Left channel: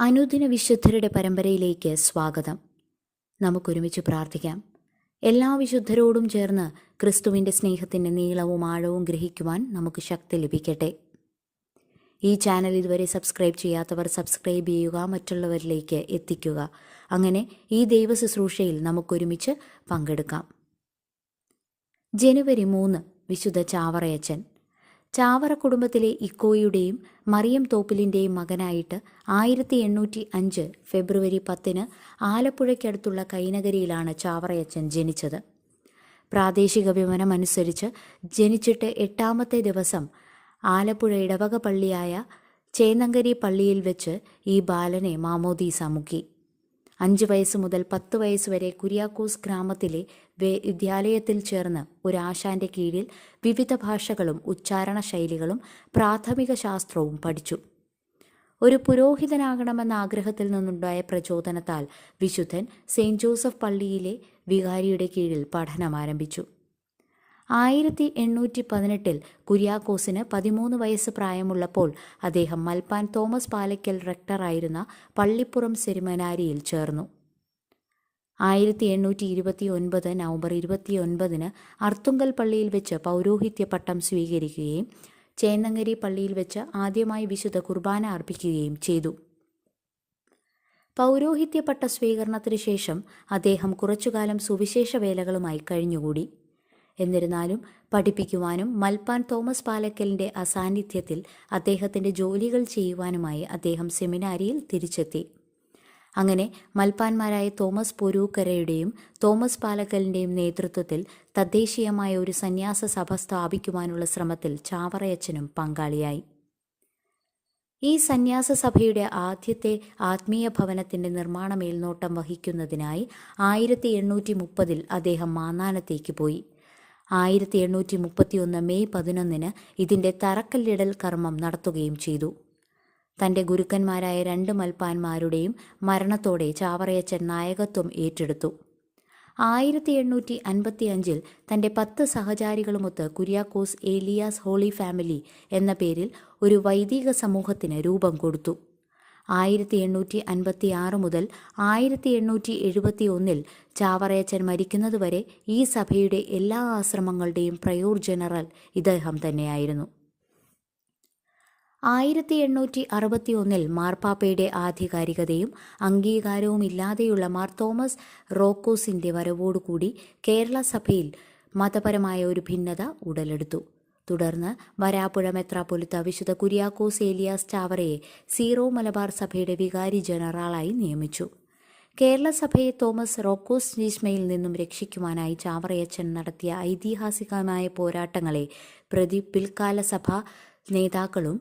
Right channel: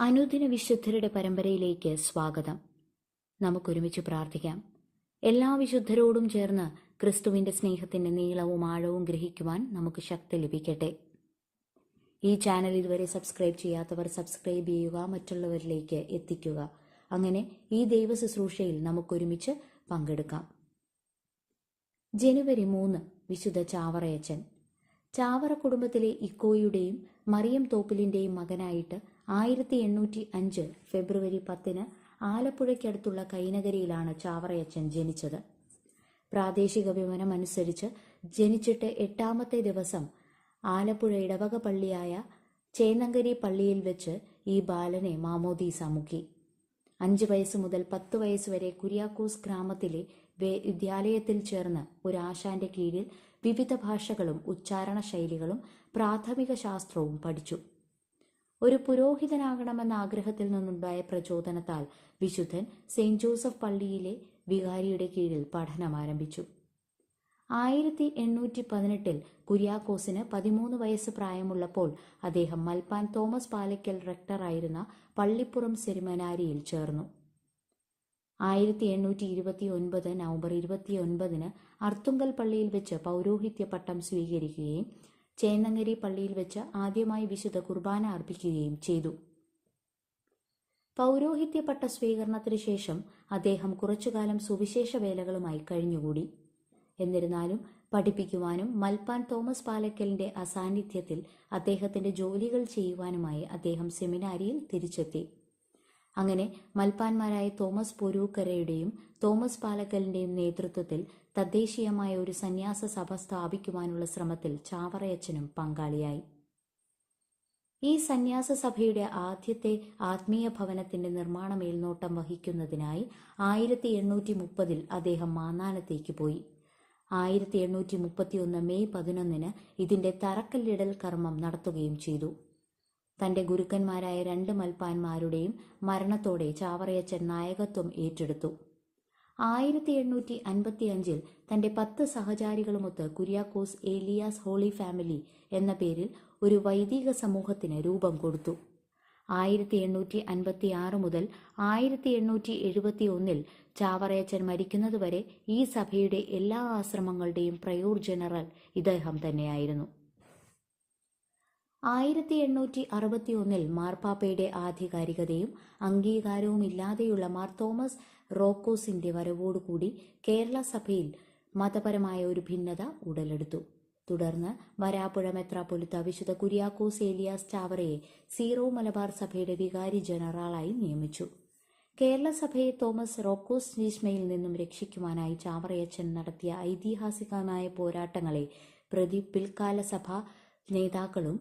അനുദിന വിശുദ്ധരുടെ പരമ്പരയിലേക്ക് സ്വാഗതം. നമുക്കൊരുമിച്ച് പ്രാർത്ഥിക്കാം. എല്ലാ വിശുദ്ധരോടും ചേർന്ന് ക്രിസ്തുവിന്റെ സ്നേഹത്തിന്റെ നീളവും ആഴവും ഗ്രഹിക്കുവാൻ നമുക്ക് ശക്തി ലഭിക്കട്ടെ. ഈ ചാനൽ ഇതുവരെ സബ്സ്ക്രൈബ് ചെയ്യാത്തവർ സബ്സ്ക്രൈബ് ചെയ്യുക മറ്റുള്ളവരിലേക്ക് എത്തിക്കുക. അങ്ങനെ ഈ ദൈവ ശുശ്രൂഷയിൽ നമുക്കൊരുമിച്ച് പങ്കെടുക്കാം. ജനുവരി മൂന്ന് വിശുദ്ധ ചാവറയച്ചൻ. ചാവറ കുടുംബത്തിലെ ഇക്കോയുടെയും മറിയം തോപ്പിലിന്റെയും മകനായിട്ട് ആയിരത്തി എണ്ണൂറ്റി അഞ്ച് ഫെബ്രുവരി പത്തിന് ആലപ്പുഴയ്ക്കടുത്തുള്ള കൈനഗരിയിലാണ് ചാവറയച്ചൻ ജനിച്ചത്. പ്രാദേശിക വിവരം അനുസരിച്ച് ജനിച്ചിട്ട് എട്ടാമത്തെ ദിവസം ആലപ്പുഴ ഇടവക പള്ളിയായ ചേന്നങ്കരി പള്ളിയിൽ വെച്ച് ഈ ബാലനെ മാമോദീസ മുക്കി. അഞ്ച് വയസ്സ് മുതൽ പത്ത് വയസ്സ് വരെ കുര്യാക്കോസ് ഗ്രാമത്തിലെ വിദ്യാലയത്തിൽ ചേർന്ന് ഒരു ആശാന്റെ കീഴിൽ വിവിധ ഭാഷകളും ഉച്ചാരണ ശൈലികളും പ്രാഥമിക ശാസ്ത്രവും പഠിച്ചു. ഒരു പുരോഹിതനാകണമെന്ന ആഗ്രഹത്തിൽ നിന്നുണ്ടായ പ്രചോദനത്താൽ വിശുദ്ധൻ സെയിന്റ് ജോസഫ് പള്ളിയിലെ വികാരിയുടെ കീഴിൽ പഠനം ആരംഭിച്ചു. ആയിരത്തി എണ്ണൂറ്റി പതിനെട്ടിൽ കുര്യാക്കോസിന് പതിമൂന്ന് വയസ്സ് പ്രായമുള്ളപ്പോൾ അദ്ദേഹം മൽപ്പാൻ തോമസ് പാലയ്ക്കൽ റെക്ടറായിരുന്ന പള്ളിപ്പുറം സെരിമനാരിയിൽ ചേർന്നു. ആയിരത്തി എണ്ണൂറ്റി ഇരുപത്തി ഒൻപത് നവംബർ ഇരുപത്തി ഒൻപതിന് അർത്തുങ്കൽ പള്ളിയിൽ വെച്ച് പൗരോഹിത്യ പട്ടം സ്വീകരിക്കുകയും ചേന്നങ്ങരി പള്ളിയിൽ വെച്ച് ആദ്യമായി വിശുദ്ധ കുർബാന അർപ്പിക്കുകയും ചെയ്തു. പൗരോഹിത്യ പട്ട സ്വീകരണത്തിനു ശേഷം അദ്ദേഹം കുറച്ചുകാലം സുവിശേഷ വേലകളുമായി കഴിഞ്ഞുകൂടി. എന്നിരുന്നാലും പഠിപ്പിക്കുവാനും മൽപ്പാൻ തോമസ് പാലക്കലിന്റെ അസാന്നിധ്യത്തിൽ അദ്ദേഹത്തിന്റെ ജോലികൾ ചെയ്യുവാനുമായി അദ്ദേഹം സെമിനാരിയിൽ തിരിച്ചെത്തി. അങ്ങനെ മൽപ്പാന്മാരായ തോമസ് പൊരൂക്കരയുടെയും തോമസ് പാലക്കലിന്റെയും നേതൃത്വത്തിൽ തദ്ദേശീയമായ ഒരു സന്യാസ സഭ സ്ഥാപിക്കുവാനുള്ള ശ്രമത്തിൽ ചാവറയച്ചനും പങ്കാളിയായി. ഈ സന്യാസ സഭയുടെ ആദ്യത്തെ ആത്മീയ ഭവനത്തിന്റെ നിർമ്മാണ മേൽനോട്ടം വഹിക്കുന്നതിനായി ആയിരത്തി എണ്ണൂറ്റി മുപ്പതിൽ അദ്ദേഹം മാന്നാനത്തേക്ക് പോയി. ആയിരത്തി എണ്ണൂറ്റി മുപ്പത്തിയൊന്ന് മെയ് പതിനൊന്നിന് ഇതിന്റെ തറക്കല്ലിടൽ കർമ്മം നടത്തുകയും ചെയ്തു. തന്റെ ഗുരുക്കന്മാരായ രണ്ട് മൽപ്പാന്മാരുടെയും മരണത്തോടെ ചാവറയച്ചൻ നായകത്വം ഏറ്റെടുത്തു. ആയിരത്തി എണ്ണൂറ്റി അൻപത്തി അഞ്ചിൽ തന്റെ പത്ത് സഹചാരികളുമൊത്ത് കുര്യാക്കോസ് ഏലിയാസ് ഹോളി ഫാമിലി എന്ന പേരിൽ ഒരു വൈദിക സമൂഹത്തിന് രൂപം കൊടുത്തു. ആയിരത്തി എണ്ണൂറ്റി അൻപത്തി ആറ് മുതൽ ആയിരത്തി എണ്ണൂറ്റി എഴുപത്തി ഒന്നിൽ ചാവറയച്ചൻ മരിക്കുന്നതുവരെ ഈ സഭയുടെ എല്ലാ ആശ്രമങ്ങളുടെയും പ്രയോർ ജനറൽ ഇദ്ദേഹം തന്നെയായിരുന്നു. ആയിരത്തി എണ്ണൂറ്റി അറുപത്തി ഒന്നിൽ മാർപ്പാപ്പയുടെ ആധികാരികതയും അംഗീകാരവും ഇല്ലാതെയുള്ള മാർ തോമസ് റോക്കോസിന്റെ വരവോടുകൂടി കേരള സഭയിൽ മതപരമായ ഒരു ഭിന്നത ഉടലെടുത്തു. തുടർന്ന് വരാപ്പുഴ മെത്രാപ്പൊലിത്ത വിശുദ്ധ കുര്യാക്കോസ് ഏലിയാസ് ചാവറയെ സീറോ മലബാർ സഭയുടെ വികാരി ജനറാളായി നിയമിച്ചു. കേരള സഭയെ തോമസ് റോക്കോസ് നീഷ്മയിൽ നിന്നും രക്ഷിക്കുവാനായി ചാവറയച്ചൻ നടത്തിയ ഐതിഹാസികമായ പോരാട്ടങ്ങളെ പ്രതി പിൽക്കാല സഭ നേതാക്കളും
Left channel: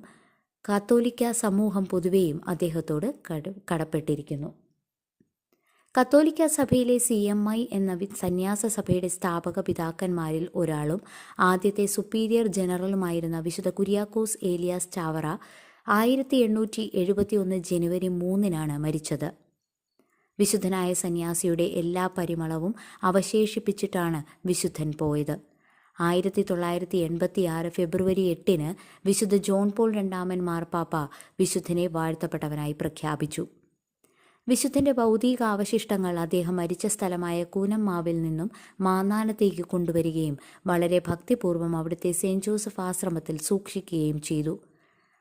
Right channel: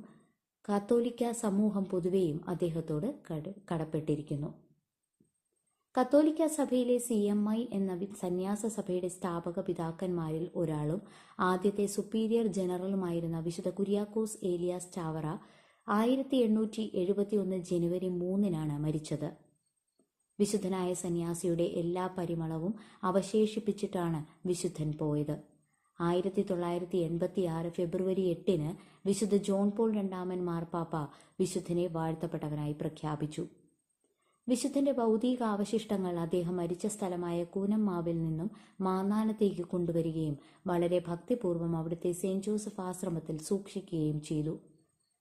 കാത്തോലിക്ക സമൂഹം പൊതുവെയും അദ്ദേഹത്തോട് കട കടപ്പെട്ടിരിക്കുന്നു. കത്തോലിക്ക സഭയിലെ സി എം ഐ എന്ന സന്യാസ സഭയുടെ സ്ഥാപക പിതാക്കന്മാരിൽ ഒരാളും ആദ്യത്തെ സുപ്പീരിയർ ജനറലുമായിരുന്ന വിശുദ്ധ കുര്യാക്കോസ് ഏലിയാസ് ചാവറ ആയിരത്തി എണ്ണൂറ്റി എഴുപത്തി ഒന്ന് ജനുവരി മൂന്നിനാണ് മരിച്ചത്. വിശുദ്ധനായ സന്യാസിയുടെ എല്ലാ പരിമളവും അവശേഷിപ്പിച്ചിട്ടാണ് വിശുദ്ധൻ പോയത്. ആയിരത്തി തൊള്ളായിരത്തി എൺപത്തി ആറ് ഫെബ്രുവരി എട്ടിന് വിശുദ്ധ ജോൺ പോൾ രണ്ടാമൻ മാർപ്പാപ്പ വിശുദ്ധനെ വാഴ്ത്തപ്പെട്ടവനായി പ്രഖ്യാപിച്ചു. വിശുദ്ധന്റെ ഭൗതിക അവശിഷ്ടങ്ങൾ അദ്ദേഹം മരിച്ച സ്ഥലമായ കൂനമ്മാവിൽ നിന്നും മാന്നാനത്തേക്ക് കൊണ്ടുവരികയും വളരെ ഭക്തിപൂർവം അവിടുത്തെ സെയിന്റ് ജോസഫ് ആശ്രമത്തിൽ സൂക്ഷിക്കുകയും ചെയ്തു.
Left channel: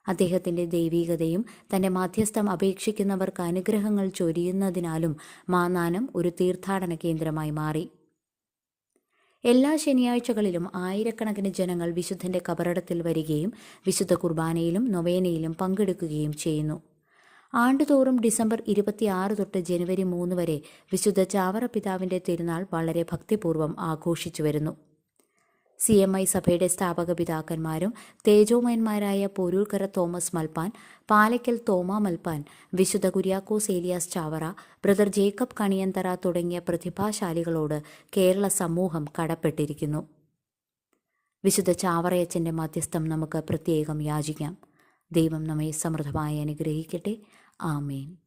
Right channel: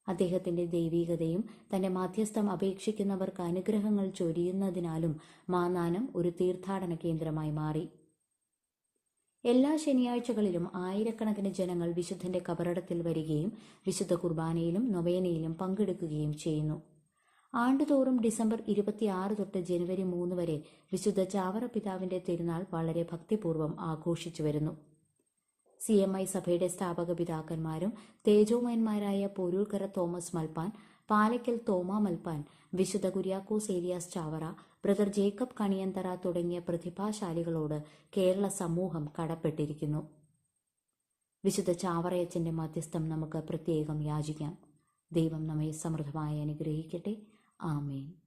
അദ്ദേഹത്തിന്റെ ദൈവീകതയും തന്റെ മാധ്യസ്ഥം അപേക്ഷിക്കുന്നവർക്ക് അനുഗ്രഹങ്ങൾ ചൊരിയുന്നതിനാലും മാന്നാനം ഒരു തീർത്ഥാടന കേന്ദ്രമായി മാറി. എല്ലാ ശനിയാഴ്ചകളിലും ആയിരക്കണക്കിന് ജനങ്ങൾ വിശുദ്ധന്റെ കബറടത്തിൽ വരികയും വിശുദ്ധ കുർബാനയിലും നൊവേനയിലും പങ്കെടുക്കുകയും ചെയ്യുന്നു. ആണ്ടുതോറും ഡിസംബർ ഇരുപത്തിയാറ് തൊട്ട് ജനുവരി മൂന്ന് വരെ വിശുദ്ധ ചാവറ പിതാവിന്റെ തിരുനാൾ വളരെ ഭക്തിപൂർവം ആഘോഷിച്ചു വരുന്നു. സി എം ഐ സഭയുടെ സ്ഥാപക പിതാക്കന്മാരും തേജോമയന്മാരായ പോരൂർക്കര തോമസ് മൽപ്പാൻ പാലയ്ക്കൽ തോമ മൽപ്പാൻ വിശുദ്ധ കുര്യാക്കോസ് ഏലിയാസ് ചാവറ ബ്രദർ ജേക്കബ് കണിയന്തറ തുടങ്ങിയ പ്രതിഭാശാലികളോട് കേരള സമൂഹം കടപ്പെട്ടിരിക്കുന്നു. വിശുദ്ധ ചാവറയച്ചന്റെ മധ്യസ്ഥം നമുക്ക് പ്രത്യേകം യാചിക്കാം. ദൈവം നമ്മെ സമൃദ്ധമായി അനുഗ്രഹിക്കട്ടെ. ആമേൻ.